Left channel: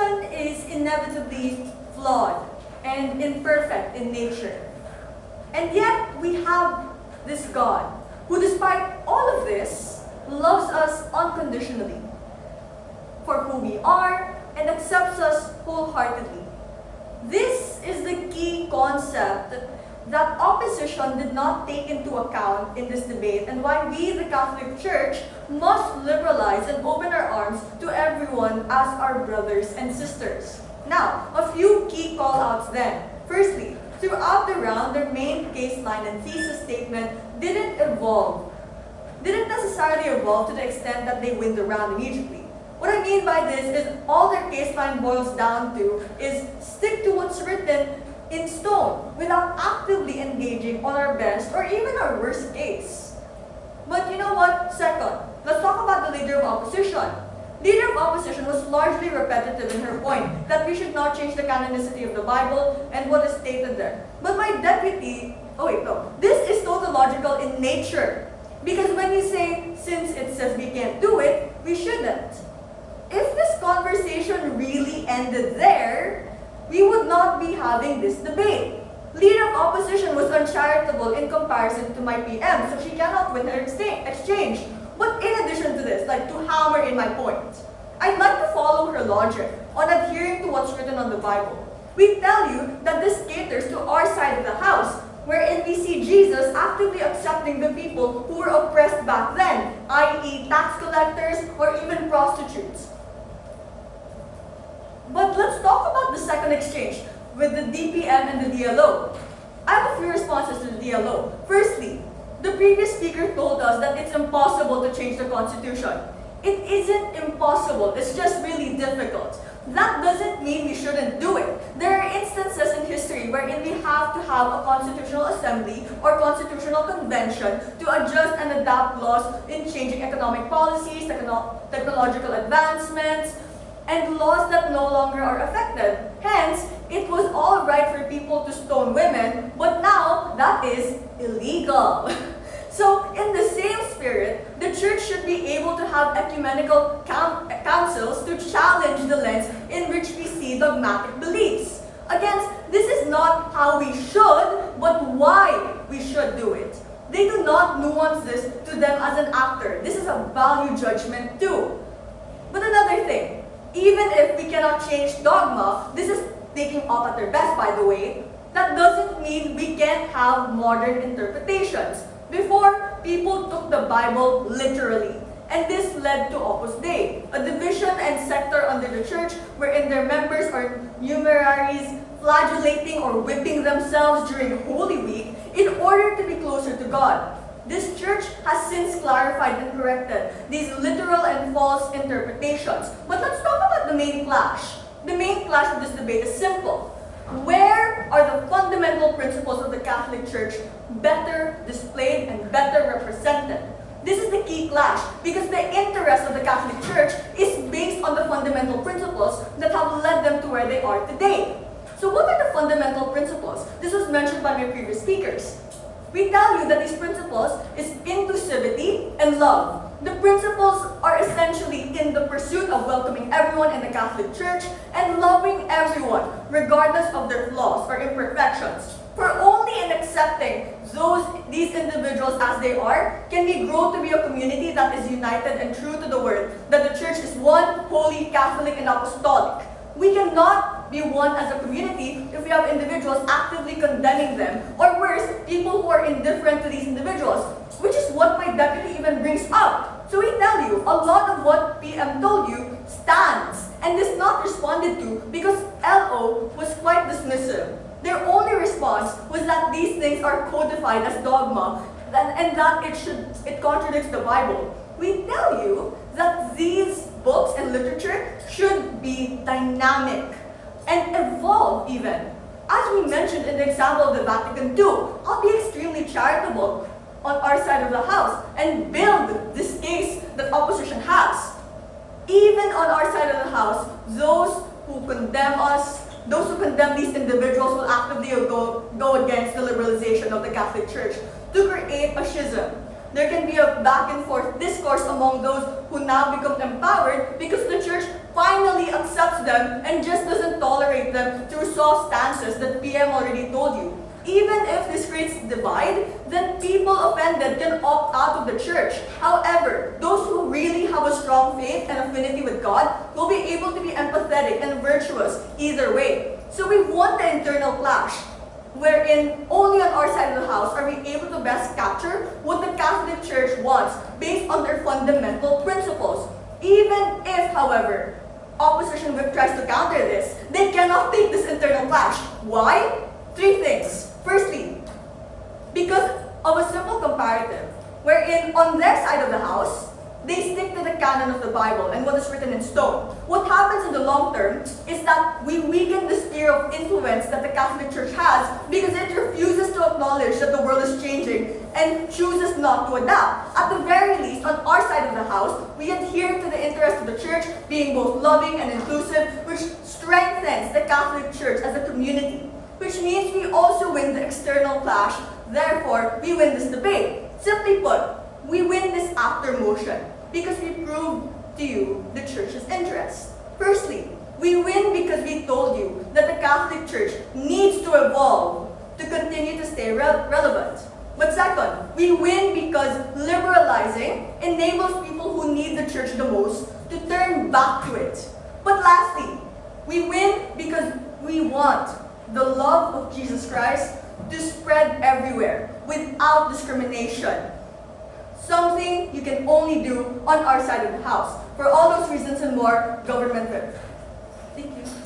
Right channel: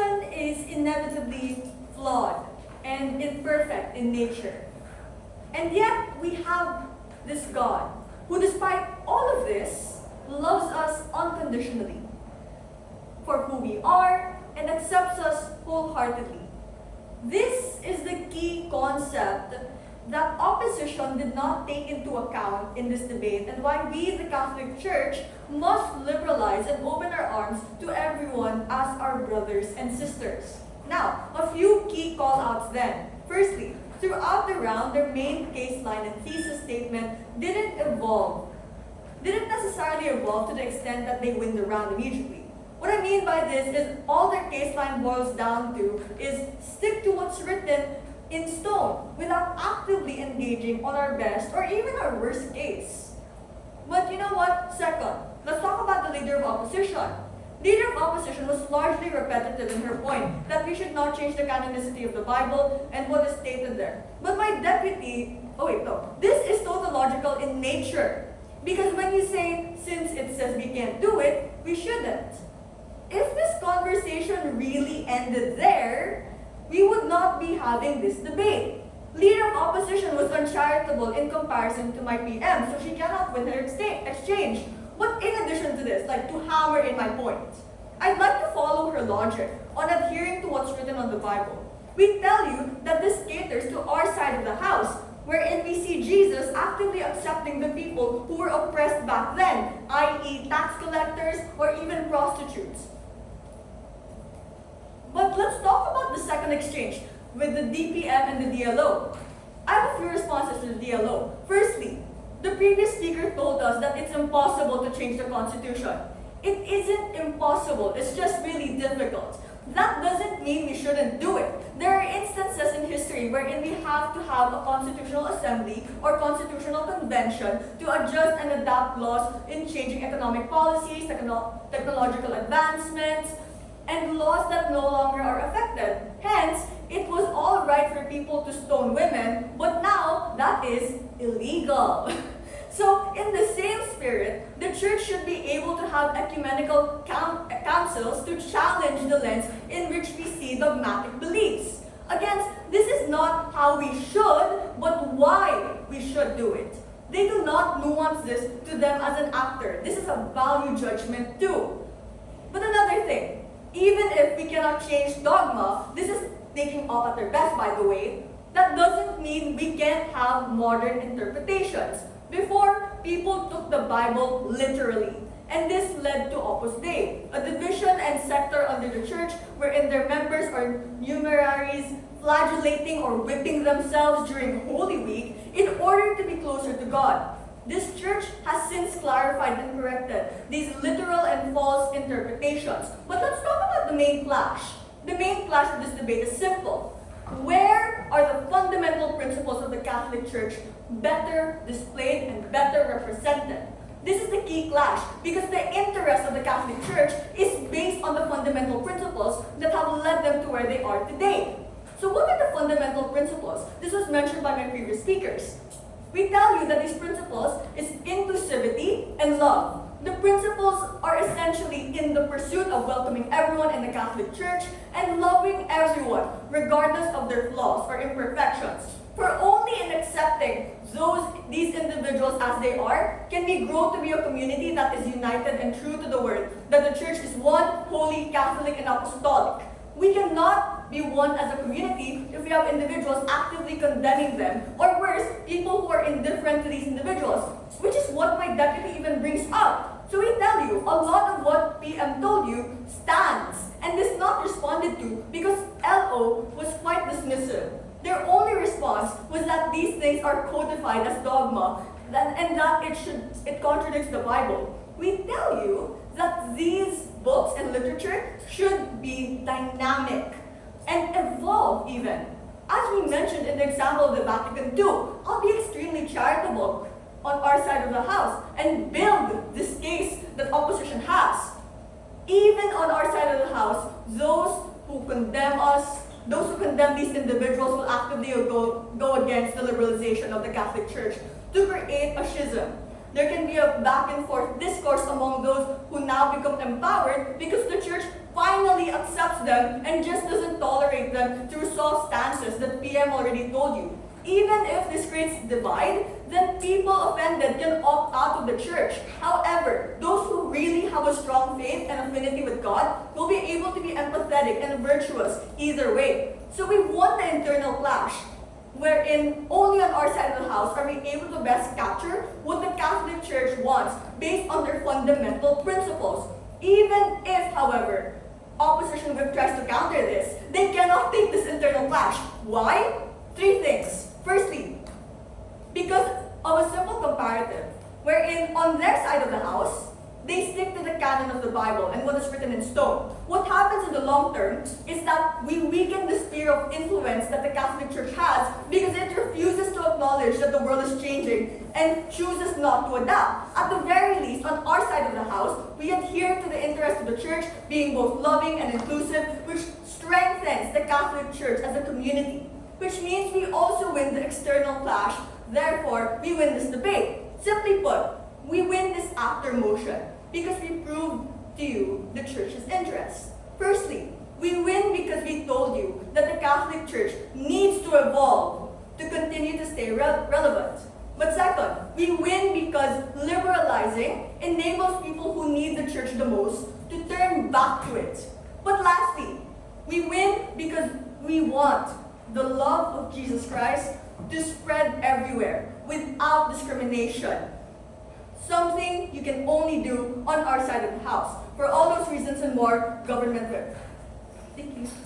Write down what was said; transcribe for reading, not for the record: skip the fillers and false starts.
person is inevitably flawed and imperfect in nature. And yet, we have this God who, despite all of this, loves us unconditionally for who we are and accepts us wholeheartedly. This is the key concept that opposition did not take into account in this debate, and why we, the Catholic Church, must liberalize and open our arms to everyone as our brothers and sisters. Now, a few key call-outs then. Firstly, throughout the round, their main case line and thesis statement didn't necessarily evolve to the extent that they win the round immediately. What I mean by this is all their case line boils down to is stick to what's written in stone without actively engaging on our best or even our worst case. But you know what? Second, let's talk about the leader of opposition. Leader of opposition was largely repetitive in her point that we should not change the canonicity of the Bible and what is stated there. But my deputy, this is tautological in nature. Because when you say, since it says we can't do it, we shouldn't. If this conversation really ended there, we would not be having this debate. Leader of opposition was uncharitable in comparison to my PM, so she cannot win her exchange. But in addition to this, to hammer in my point, I'd like to follow her logic on adhering to what's written on the Bible. We tell you that this caters to our side of the house, wherein we see Jesus actively accepting the people who were oppressed back then, i.e. tax collectors or even prostitutes. But let's talk about the second exchange with the DPM and the DLO. I have a few responses to the DLO. Firstly, the previous speaker told us that it's impossible to change the Constitution. It isn't impossible, it's just really difficult. That doesn't mean we shouldn't do it. There are instances in history wherein we have to have a constitutional assembly or constitutional convention to adjust and adapt laws in changing economic policies, technological advancements, and laws that no longer are affected. Hence, it was all right for people to stone women, but now that is illegal. So, in the same spirit, the church should be able to have ecumenical councils to challenge the lens in which we see dogmatic beliefs. Again, this is not how we should, but why we should do it. They do not nuance this to them as an actor. This is a value judgment too. But another thing, even if we cannot change dogma, this is taking off at their best, by the way, that doesn't mean we can't have modern interpretations. Before, people took the Bible literally, and this led to Opus Dei, a division and sector under the church wherein their members are numeraries flagellating or whipping themselves during Holy Week in order to be closer to God. This church has since clarified and corrected these literal and false interpretations. But let's talk about the main clash. The main clash of this debate is simple. Where are the fundamental principles of the Catholic Church better displayed and better represented? This is the key clash because the interest of the Catholic Church is based on the fundamental principles that have led them to where they are today. So what are the fundamental principles? This was mentioned by my previous speakers. We tell you that these principles is inclusivity and love. The principles are essentially in the pursuit of welcoming everyone in the Catholic Church and loving everyone, regardless of their flaws or imperfections. For only in accepting these individuals as they are, can we grow to be a community that is united and true to the word, that the Church is one, holy, Catholic, and apostolic. We cannot be one as a community if we have individuals actively condemning them, or worse, people who are indifferent to these individuals, which is what my deputy even brings up. So we tell you, a lot of what PM told you stands and is not responded to because LO was quite dismissive. Their only response was that these things are codified as dogma and that it contradicts the Bible. We tell you that these books and literature should be dynamic and evolve even. As we mentioned in the example of the Vatican II, I'll be extremely charitable on our side of the house and build this case that opposition has. Even on our side of the house, those who condemn us, those who condemn these individuals will actively go against the liberalization of the Catholic Church to create a schism. There can be a back and forth discourse among those who now become empowered because the Church finally accepts accepts them and just doesn't tolerate them through soft stances that PM already told you. Even if this creates divide, then people offended can opt out of the church. However, those who really have a strong faith and affinity with God will be able to be empathetic and virtuous either way. So we want the internal clash, wherein only on our side of the house are we able to best capture what the Catholic Church wants based on their fundamental principles. Even if, however, opposition whip tries to counter this, they cannot take this internal clash. Why? 3 things. Firstly, because of a simple comparative, wherein on their side of the house, they stick to the canon of the Bible and what is written in stone. What happens in the long term is that we weaken the sphere of influence that the Catholic Church has because it refuses to acknowledge that the world is changing and chooses not to adapt. At the very least, on our side of the house, we adhere to the interests of the Church being both loving and inclusive, which strengthens the Catholic Church as a community, which means we also win the external clash. Therefore, we win this debate. Simply put, we win this after motion because we proved to you the Church's interest. Firstly, we win because we told you that the Catholic Church needs to evolve to continue to stay relevant. But second, we win because liberalizing enables people who need the Church the most to turn back to it. But lastly, we win because we want the love of Jesus Christ to spread everywhere without discrimination. Something you can only do on our side of the house. For all those reasons and more, government whip. Thank you.